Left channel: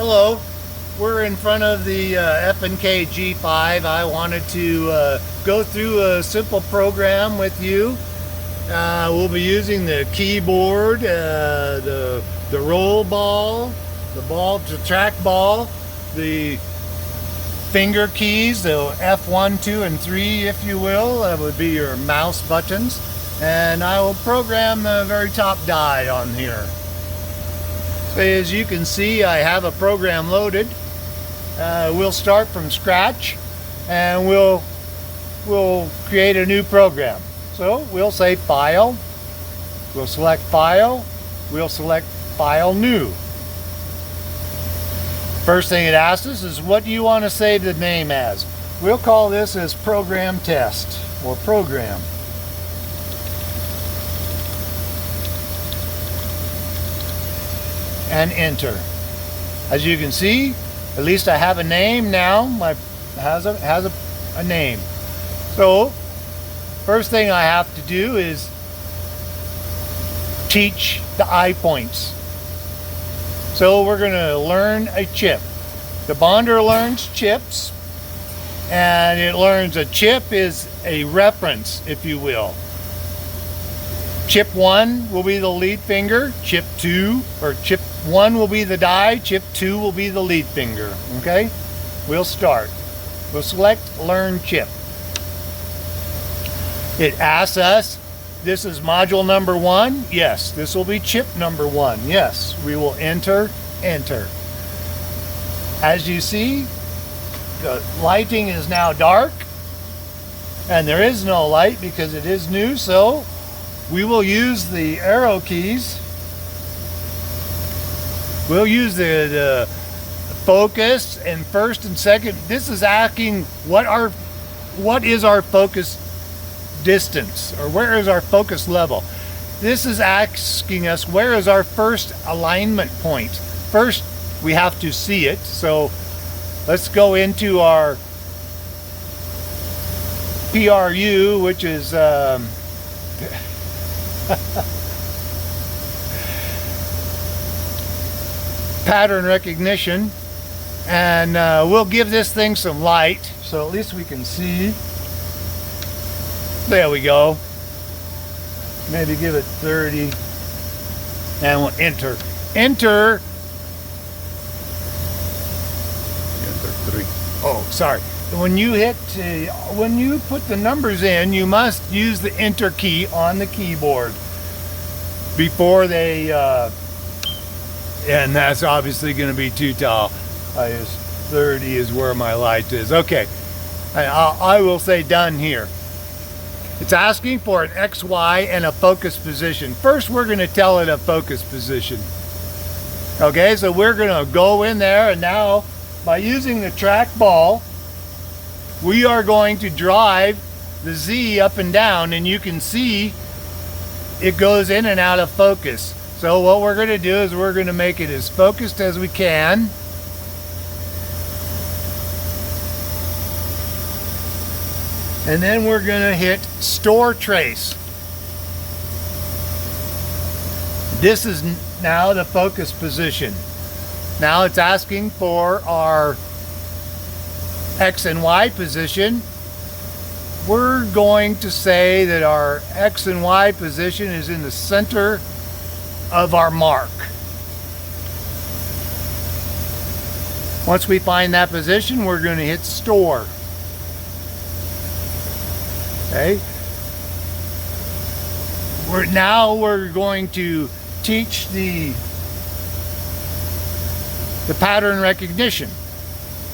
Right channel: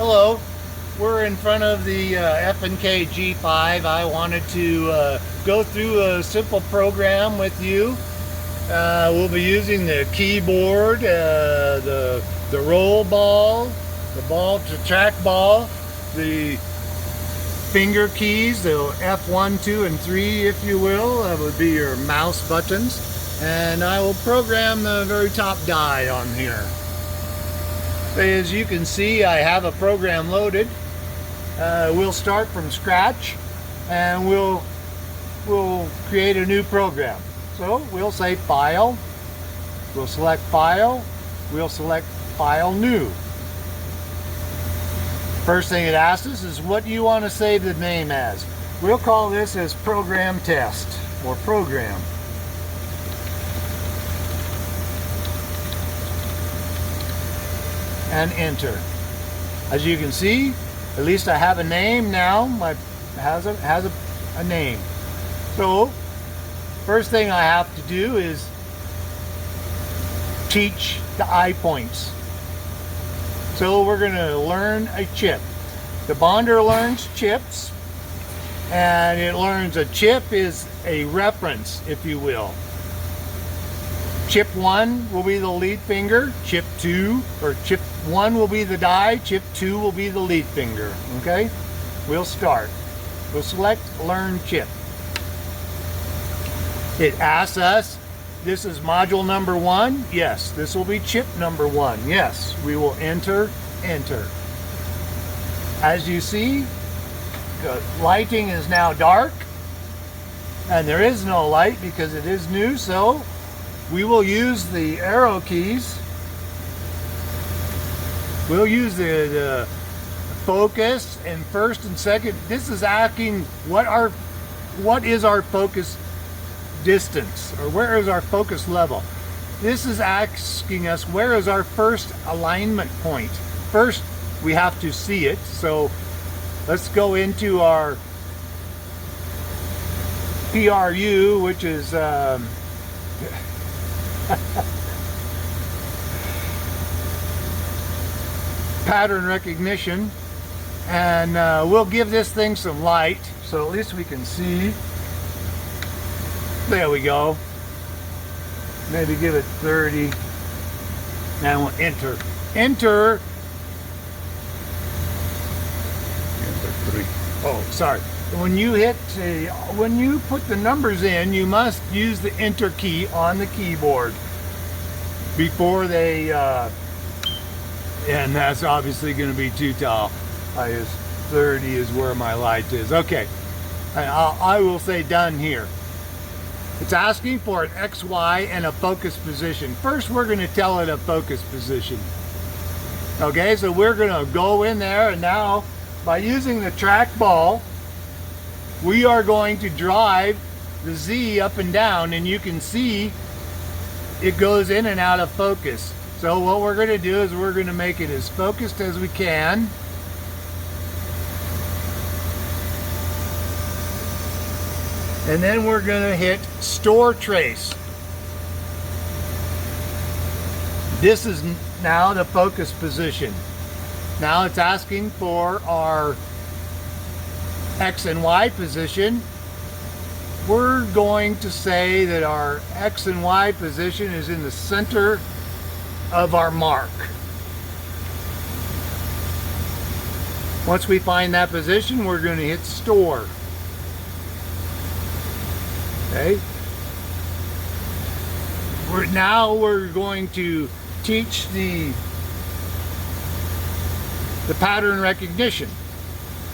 Hello, we're in front of the F&K G5. I wanted to go through a simple program with you. We'll be using the keyboard, the roll ball, the track ball, the finger keys, the F1, 2, and 3, if you will. That would be your mouse buttons. And I will program the very top die on here. As you can see, I have a program loaded. We'll start from scratch and we'll create a new program. So we'll say File, we'll select File, we'll select File New. First thing it asks us is, what do you want to save the name as? We'll call this as Program Test or Program. And enter. As you can see, at least I have a name now. Has a name. So first thing I have to do is teach the eye points. So we're going to learn a chip. The bonder learns chips, and it learns a chip is a reference, if you will. Chip 1 will be the lead finger, chip 2, or chip 1 will be the die, chip 2 will be the lead finger, okay? We'll start. We'll select Learn Chip. It asks us, this is module number 1? Yes. This will be chip number 1? Yes. We will enter. As you see, the lighting is now dark, and there is no light because it is new, so we will use the arrow keys. We'll use the focus and first and second. This is asking what is our focus distance, or where is our focus level. This is asking us where is our first alignment point. First we have to see it, so let's go into our PRU, which is pattern recognition, and we'll give this thing some light so at least we can see. There we go. Maybe give it 30, and we'll enter. Enter 3. Oh, sorry. When you put the numbers in, you must use the enter key on the keyboard before they, and that's obviously going to be too tall. 30 is where my light is. Okay, I will say done here. It's asking for an X, Y, and a focus position. First, we're going to tell it a focus position. Okay, so we're going to go in there, and now by using the track ball, we are going to drive the Z up and down, and you can see it goes in and out of focus. So what we're going to do is we're going to make it as focused as we can. And then we're going to hit Store Trace. This is now the focus position. Now it's asking for our X and Y position. We're going to say that our X and Y position is in the center of our mark. Once we find that position, we're going to hit Store. Okay. Now we're going to teach the pattern recognition.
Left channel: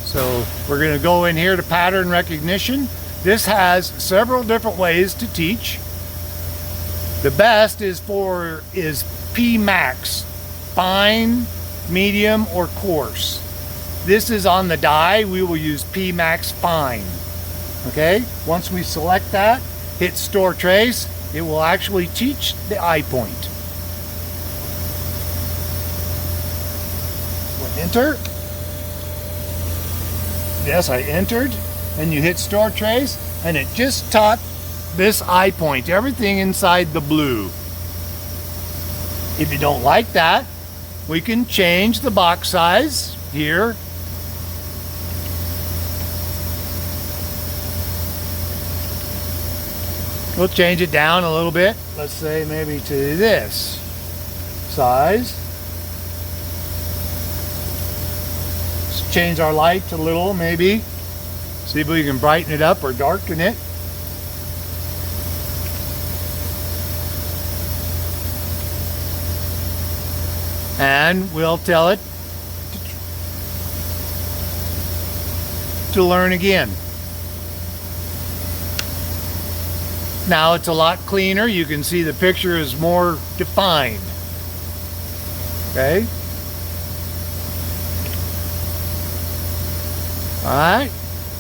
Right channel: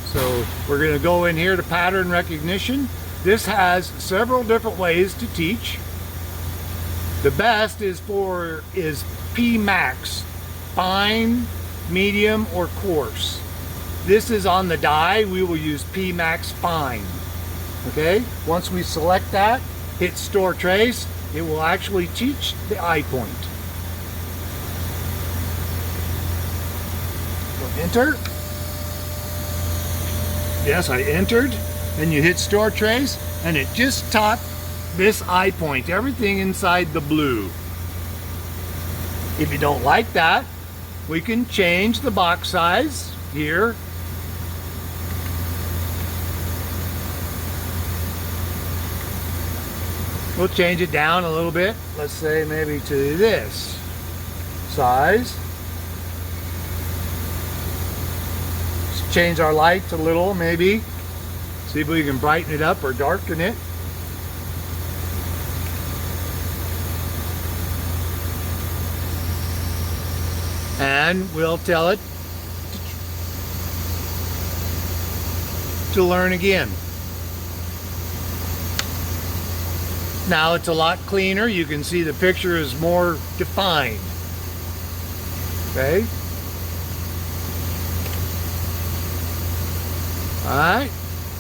So we're going to go in here to pattern recognition. This has several different ways to teach. The best is P max, fine, medium, or coarse. This is on the die. We will use P max fine. Okay, once we select that, hit Store Trace, it will actually teach the eye point. Enter. Yes, I entered, and you hit Store Trace, and it just taught this eye point, everything inside the blue. If you don't like that, we can change the box size here. We'll change it down a little bit. Let's say maybe to this size. Let's change our light a little, maybe. See if we can brighten it up or darken it. And we'll tell it to learn again. Now it's a lot cleaner. You can see the picture is more defined. Okay. All right.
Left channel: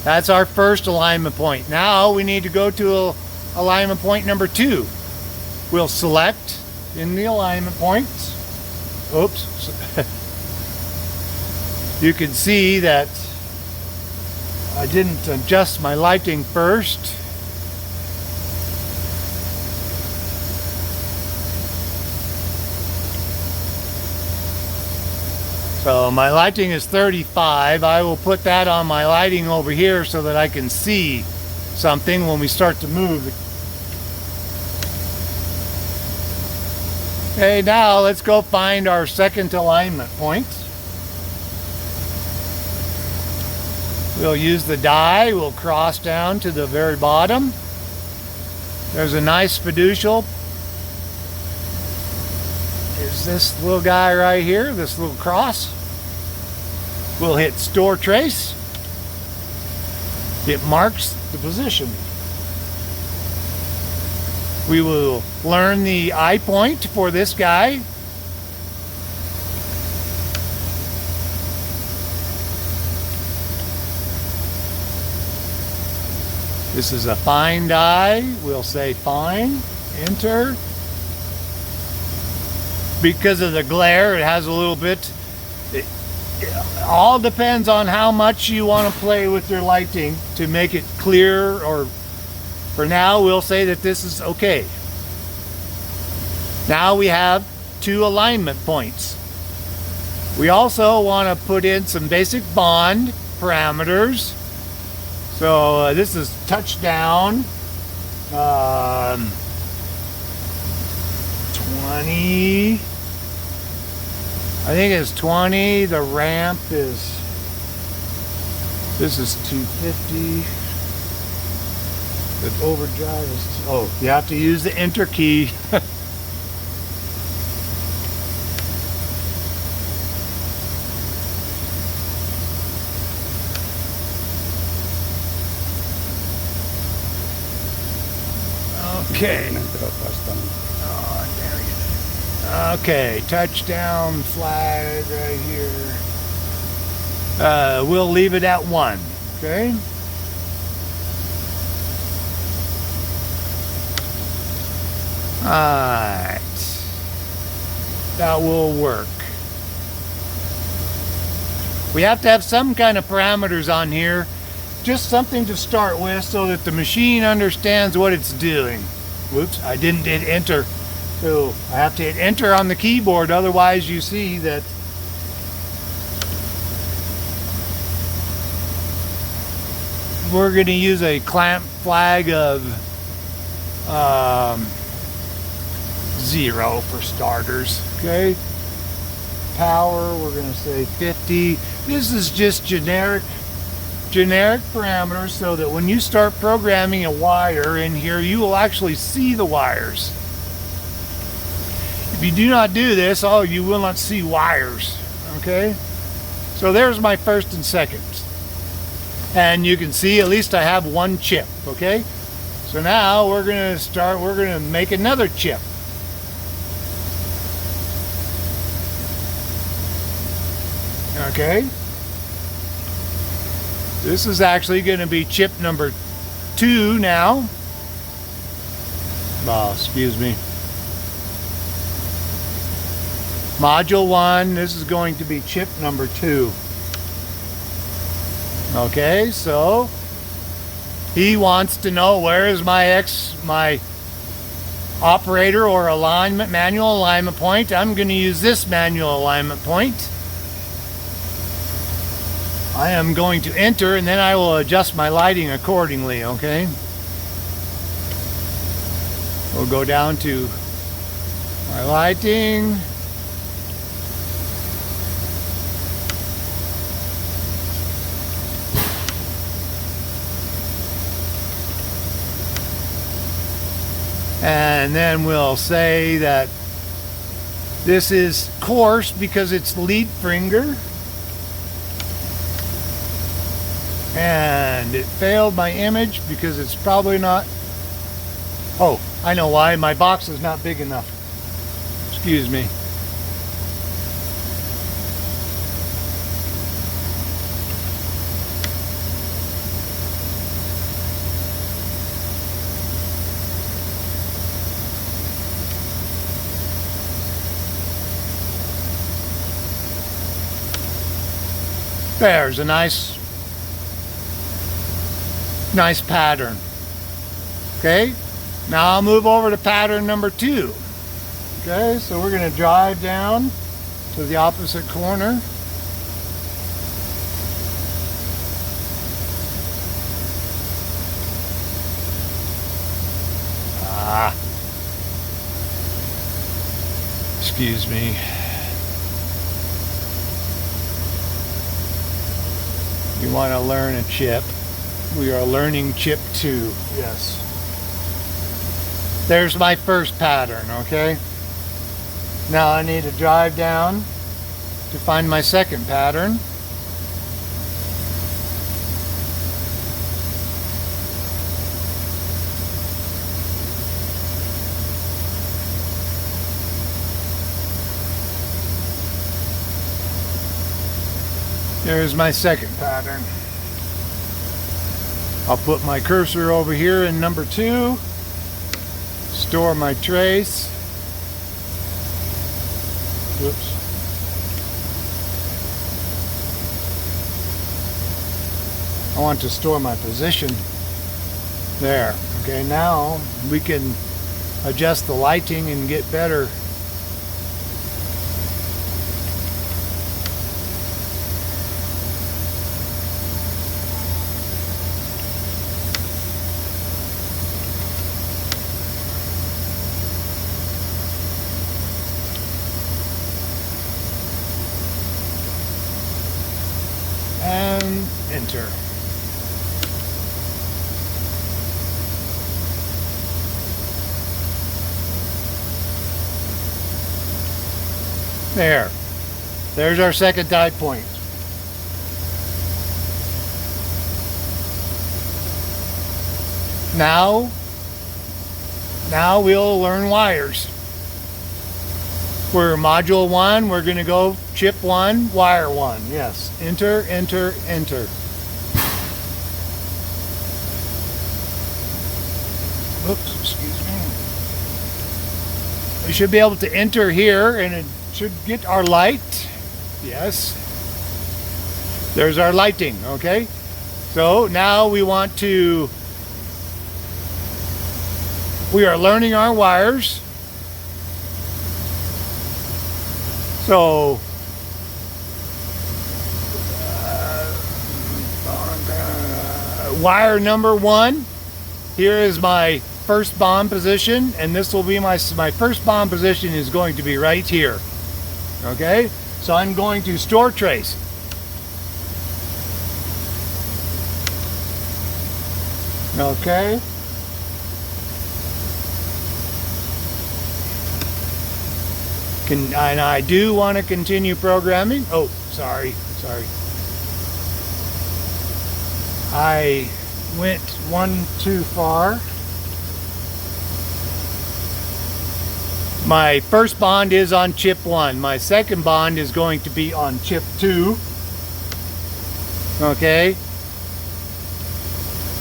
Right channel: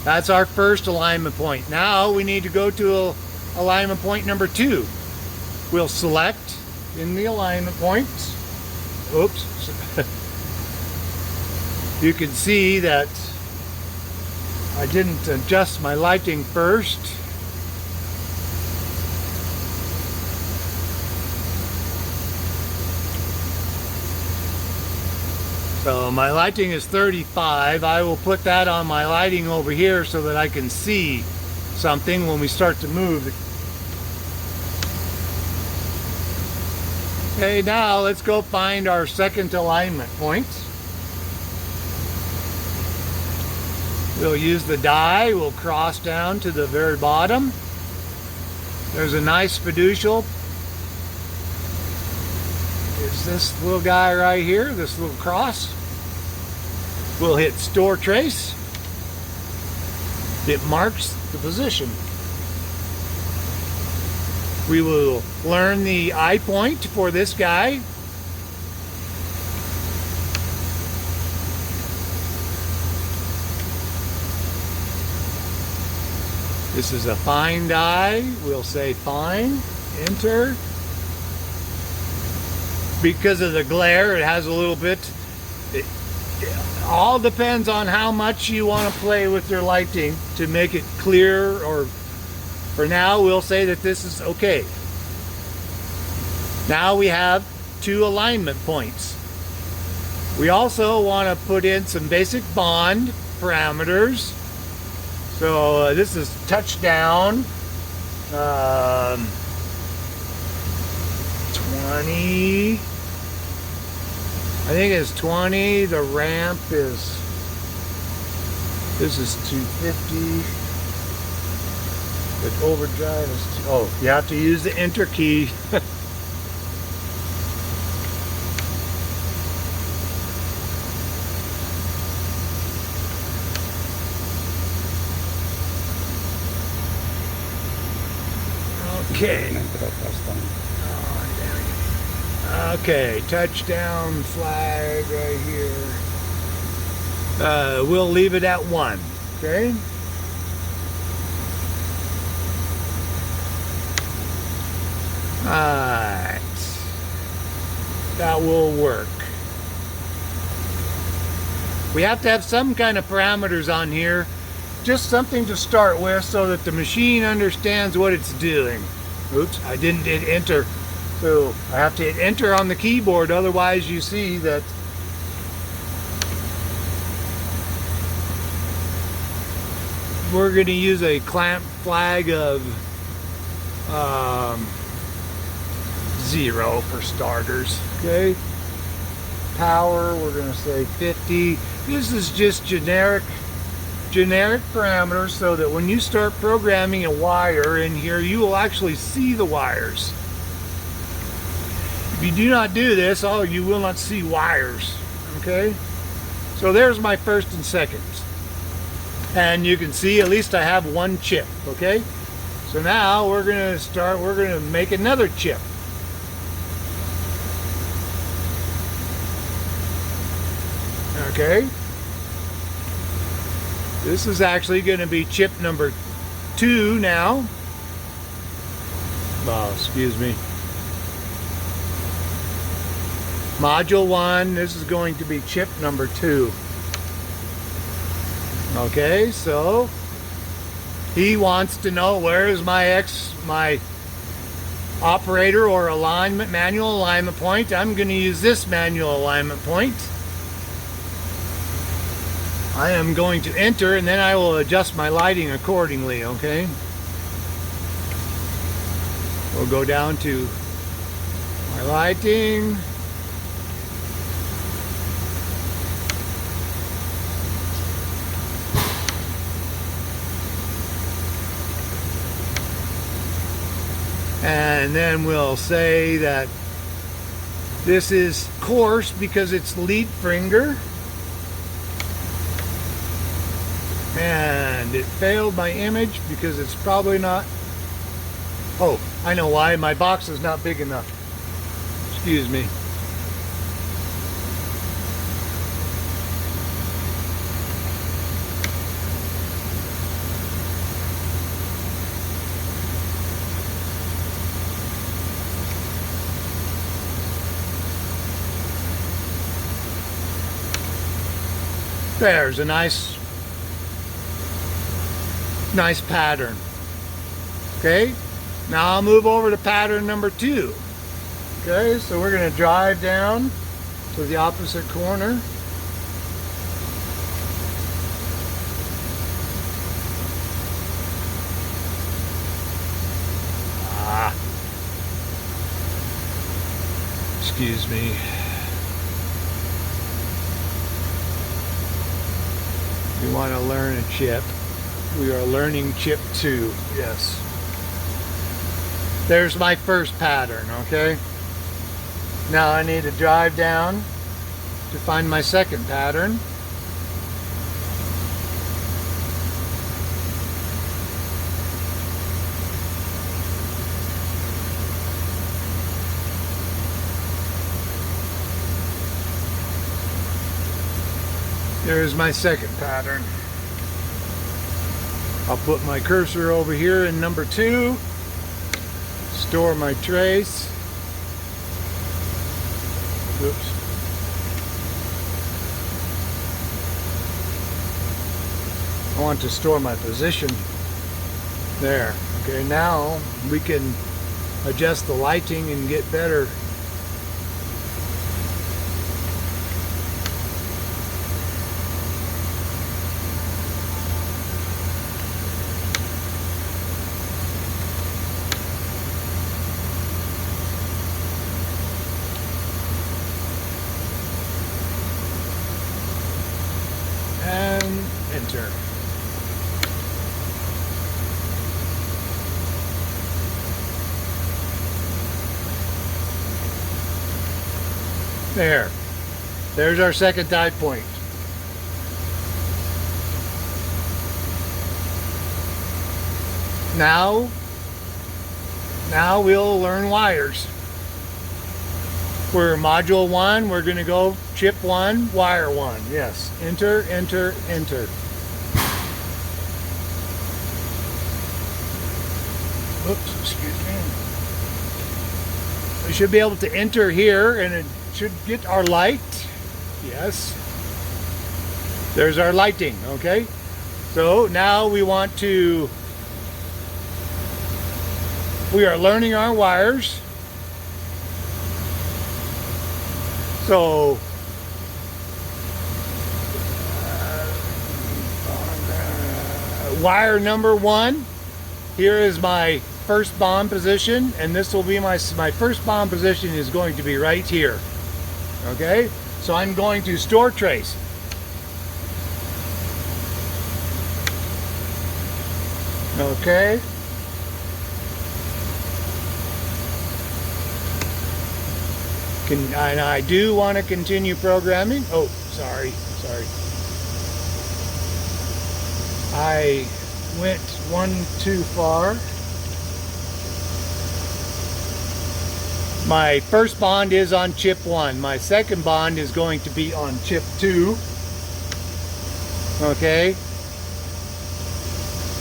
That's our first alignment point. Now we need to go to alignment point number 2. We'll select in the alignment points. Oops. You can see that I didn't adjust my lighting first. So my lighting is 35. I will put that on my lighting over here so that I can see something when we start to move. Okay, now let's go find our second alignment point. We'll use the die. We'll cross down to the very bottom. There's a nice fiducial. Is this little guy right here, this little cross. We'll hit store trace. It marks the position. We will learn the eye point for this guy. This is a fine die. We'll say fine, enter. Because of the glare, it has a little bit. It all depends on how much you want to play with your lighting to make it clear, or for now we'll say that this is okay. Now we have 2 alignment points. We also want to put in some basic bond parameters. So this is touchdown 20. I think it's 20. The ramp is, this is 250. But overdrive is, oh, you have to use the enter key. Okay. Okay, touchdown flag right here. We'll leave it at 1. Okay. Alright. That will work. We have to have some kind of parameters on here. Just something to start with so that the machine understands what it's doing. Oops, I didn't hit enter. So I have to hit enter on the keyboard, otherwise you see that we're going to use a clamp flag of 0 for starters. Okay. Power, we're going to say 50. This is just generic parameters so that when you start programming a wire in here, you will actually see the wires. If you do not do this, you will not see wires. Okay? So there's my first and second. And you can see at least I have 1 chip. Okay? So now we're going to make another chip. Okay? This is actually going to be chip number 2 now. Oh, excuse me. Module 1, this is going to be chip number 2. Okay, so he wants to know where is my operator or alignment, manual alignment point. I'm going to use this manual alignment point. I am going to enter, and then I will adjust my lighting accordingly, okay? We'll go down to our lighting. And then we'll say that this is coarse because it's lead finger. And it failed my image because it's probably not. Oh, I know why. My box is not big enough. Excuse me. There's a nice pattern. Okay, now I'll move over to pattern number 2. Okay, so we're going to drive down to the opposite corner. Excuse me. You want to learn a chip. We are learning chip 2. Yes. There's my first pattern, okay? Now I need to drive down to find my second pattern. There's my second pattern. I'll put my cursor over here in number 2, store my trace. Oops. I want to store my position there. Okay, now we can adjust the lighting and get better. Enter. There's our second die point. Now we'll learn wires. For module 1, we're going to go chip 1, wire 1. Yes. Enter, enter, enter. Oops, excuse me. We should be able to enter here, and it should get our light. Yes. There's our lighting, okay? So now we are learning our wires. So wire number 1, here is my first bond position, and this will be my first bond position is going to be right here. Okay, so I'm going to store trace. Okay. And I do want to continue programming. Oh, sorry. I went one too far. My first bond is on chip 1. My second bond is going to be on chip 2. Okay.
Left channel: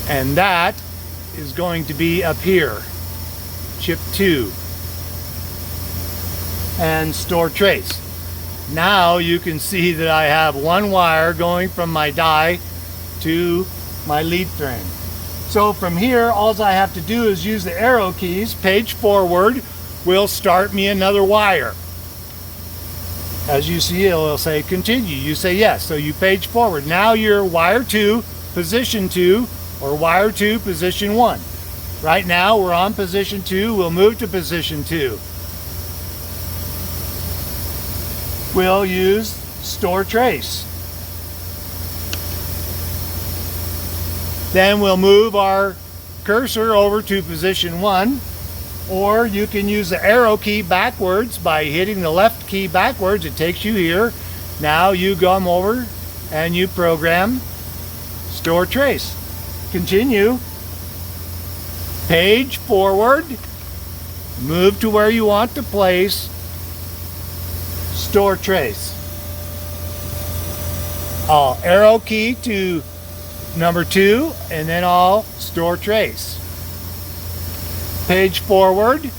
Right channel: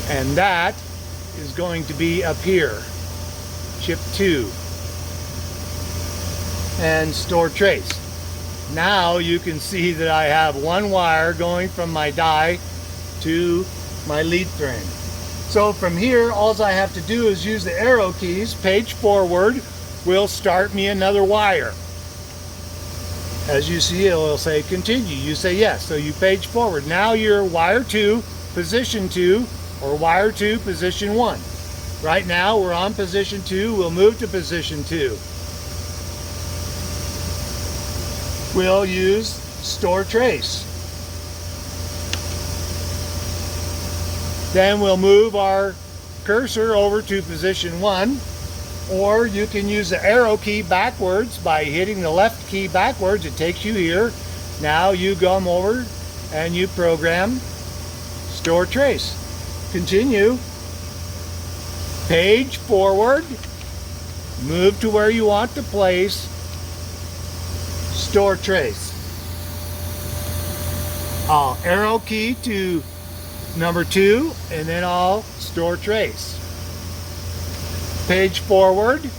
And that is going to be up here. Chip 2. And store trace. Now you can see that I have one wire going from my die to my lead frame. So from here, all I have to do is use the arrow keys. Page forward will start me another wire. As you see, it will say continue. You say yes, so you page forward. Now you're wire 2, position 2, or wire 2, position 1. Right now we're on position 2, we'll move to position 2. We'll use store trace. Then we'll move our cursor over to position 1, or you can use the arrow key backwards by hitting the left key backwards. It takes you here. Now you come over and you program store trace. Continue. Page forward. Move to where you want to place store trace. I'll arrow key to number 2, and then I'll store trace. Page forward.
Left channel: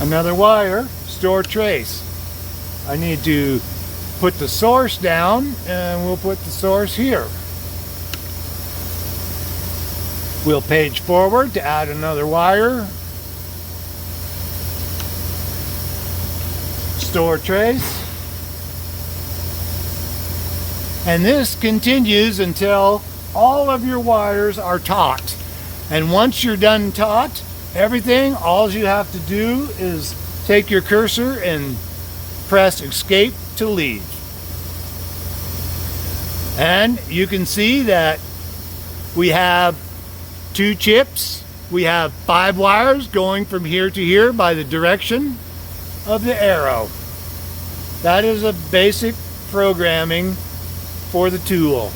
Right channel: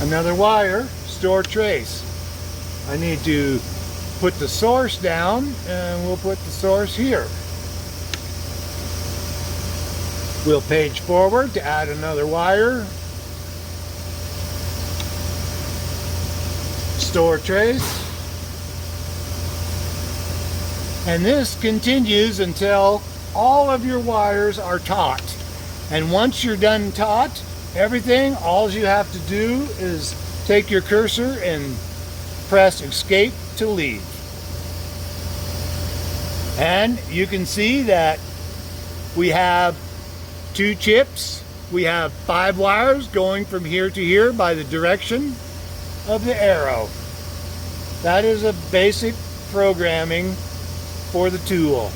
Another wire, store trace. I need to put the source down, and we'll put the source here. We'll page forward to add another wire. Store trace. And this continues until all of your wires are taut. And once you're done taut, everything, all you have to do is take your cursor and press escape to leave. And you can see that we have 2 chips. We have 5 wires going from here to here by the direction of the arrow. That is a basic programming for the tool.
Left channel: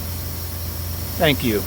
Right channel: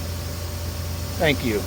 Thank you.